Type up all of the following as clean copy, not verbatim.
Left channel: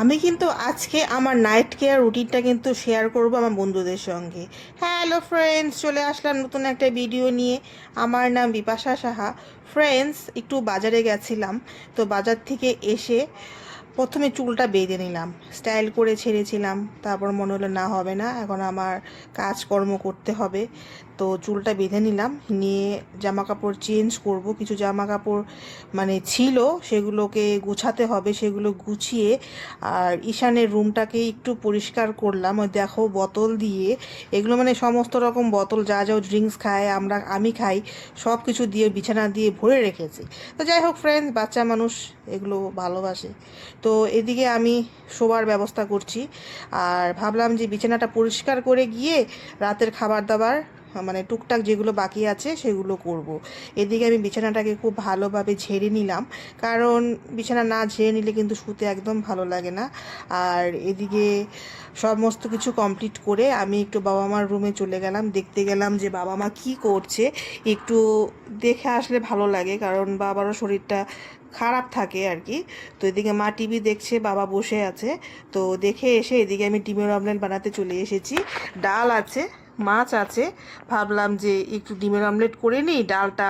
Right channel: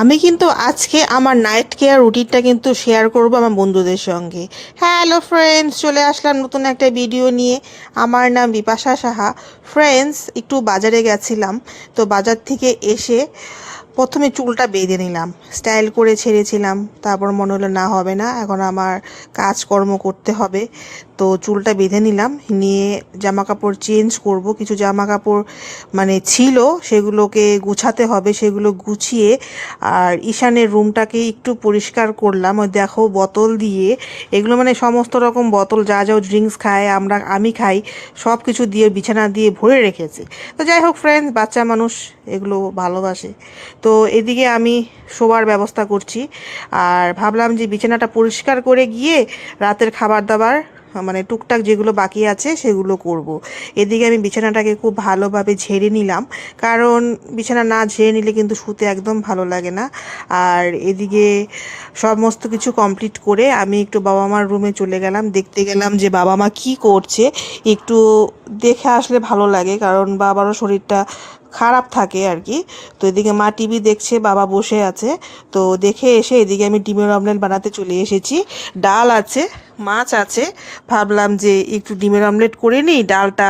আমি কিন্তু আজকে আমার নাইট কেয়ার রুটিনটা কিন্তু শেয়ার করব আমার বন্ধুদের সঙ্গে। হ্যালো ফ্রেন্ডস, চলে আসলাম নতুন একটা ভিডিও নিয়ে। আমার নাম বিপাশা সাহা। ফ্রেন্ডস, একটু বাজারে গেছিলাম, তো বাজার থেকে এসে প্রথমে চুলটা বেঁধে নিলাম, স্টাইল করে ছেড়েছিলাম। তারপর মনে হলো না, হবে না, এখন আমার কাজকর্ম করতে হবে। তো চুলটা বেঁধে নিলাম, নিয়ে জামা কাপড় চেঞ্জ করব। কিছু জামা কাপড় মানে ছিল, সেগুলোকে গুছাতে হবে, সেগুলো গুছিয়ে আর ঈশানের রুমটাকে একটু পরিষ্কার করলাম। ওই দেখো বোতল দিয়ে, এগুলো মানে সমস্ত রকম বোতল, যা যা ড্রিঙ্কস খায়, আমি খাই, সব কিছু দিয়ে বিছানা দিয়ে ভরে রেখেছি। তো যাই হোক ফ্রেন্ডস, বাচ্চা মানুষ এগুলো ভালোবাসে। তো এদিকে আমি শোবার ব্যবস্থা করছি, আর ভাবলাম যে বিছানাটা পরিষ্কার করে গিয়ে রাতের খাবার দাবার মানে টুকটাক যেগুলো বাকি আছে সেগুলো করব। এদিকে আমি বিছানাটাকে খুব ভালোভাবে ঝেড়ে নিলাম, কারণ বিছানা না ঝেড়ে নিলে কিন্তু শুতে একদম ভালো লাগে না। আর এদিকে সমস্ত কিছু কমপ্লিট করে আমি একটু বাবা মার রুমে চলে গেলাম, দেখতে গেলাম যে বাবা মা কি করছে। একটু দেখে আসলে ভালো লাগে, কারণ বাবারও শরীরটা খারাপ থাকে আর কি। তো এদিকে মা টিভি দেখছে, বাবা বসে আছে। তো দেখে এসে এদিকে আমি ডিমের অমলেট বানাতে চলে এসেছি। ডাল আছে, মাছ আছে, ভাবলাম যে একটু ডিমের অমলেট করে নিই, ডালটা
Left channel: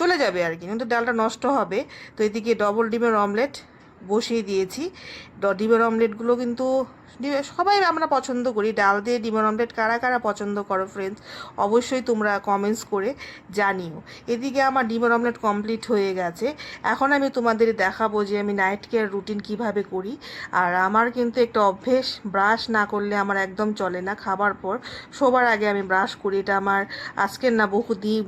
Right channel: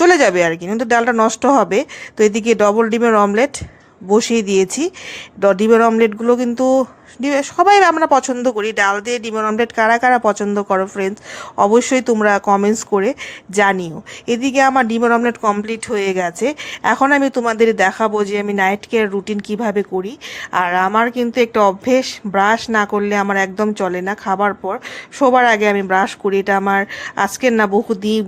চলে যাবে আর কি, কিন্তু ডালটা নষ্ট হবে। তো এদিকে ডবল ডিমের অমলেট বসিয়ে দিয়েছি। ডিমের অমলেটগুলো কিন্তু সবাই আমরা পছন্দ করি। ডাল দিয়ে ডিমের অমলেট কারা কারা পছন্দ করো ফ্রেন্ডস, অবশ্যই তোমরা কমেন্টস করে জানিও। এদিকে আমার ডিমের অমলেট কমপ্লিট হয়ে গেছে। এখন আমি তোমাদের দেখাবো যে আমি নাইট কেয়ার রুটিন কিভাবে করি। আর আমার কিন্তু একটা অভ্যেস, ব্রাশ না করলে আমার একদম চলে না। খাবার পর শোবার আগে আমি ব্রাশ করি, এটা আমার আজকের না,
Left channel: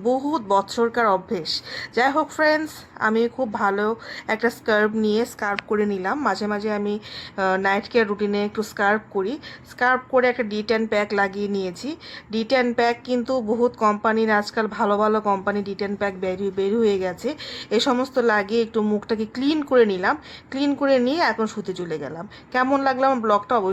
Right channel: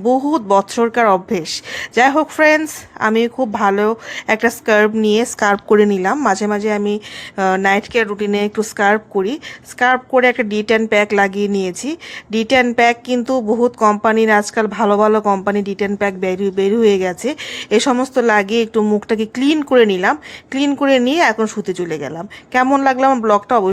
বহুত বছরকার অভ্যেস। যাই হোক ফ্রেন্ডস, আমি খুব ভালো একটা স্কার্ফ নিয়ে স্কার্ফ করে নিলাম। মাঝে মাঝে আমি নাইট কেয়ার রুটিনে একটু স্কার্ফ করি। স্কার্ফ করে একটা D10 প্যাক লাগিয়ে নিয়েছি। D10 প্যাক কিন্তু বহুত কোম্পানির, আজকাল ভালো ভালো কোম্পানি D10 প্যাক বের হয়ে গেছে। এ সমস্ত লাগিয়ে একটু মুখটাকে ক্লিন করে নিলাম। ক্লিন করে নিয়ে এখন শুতে চলে গেলাম। কেমন লাগলো আমার ব্লগটা?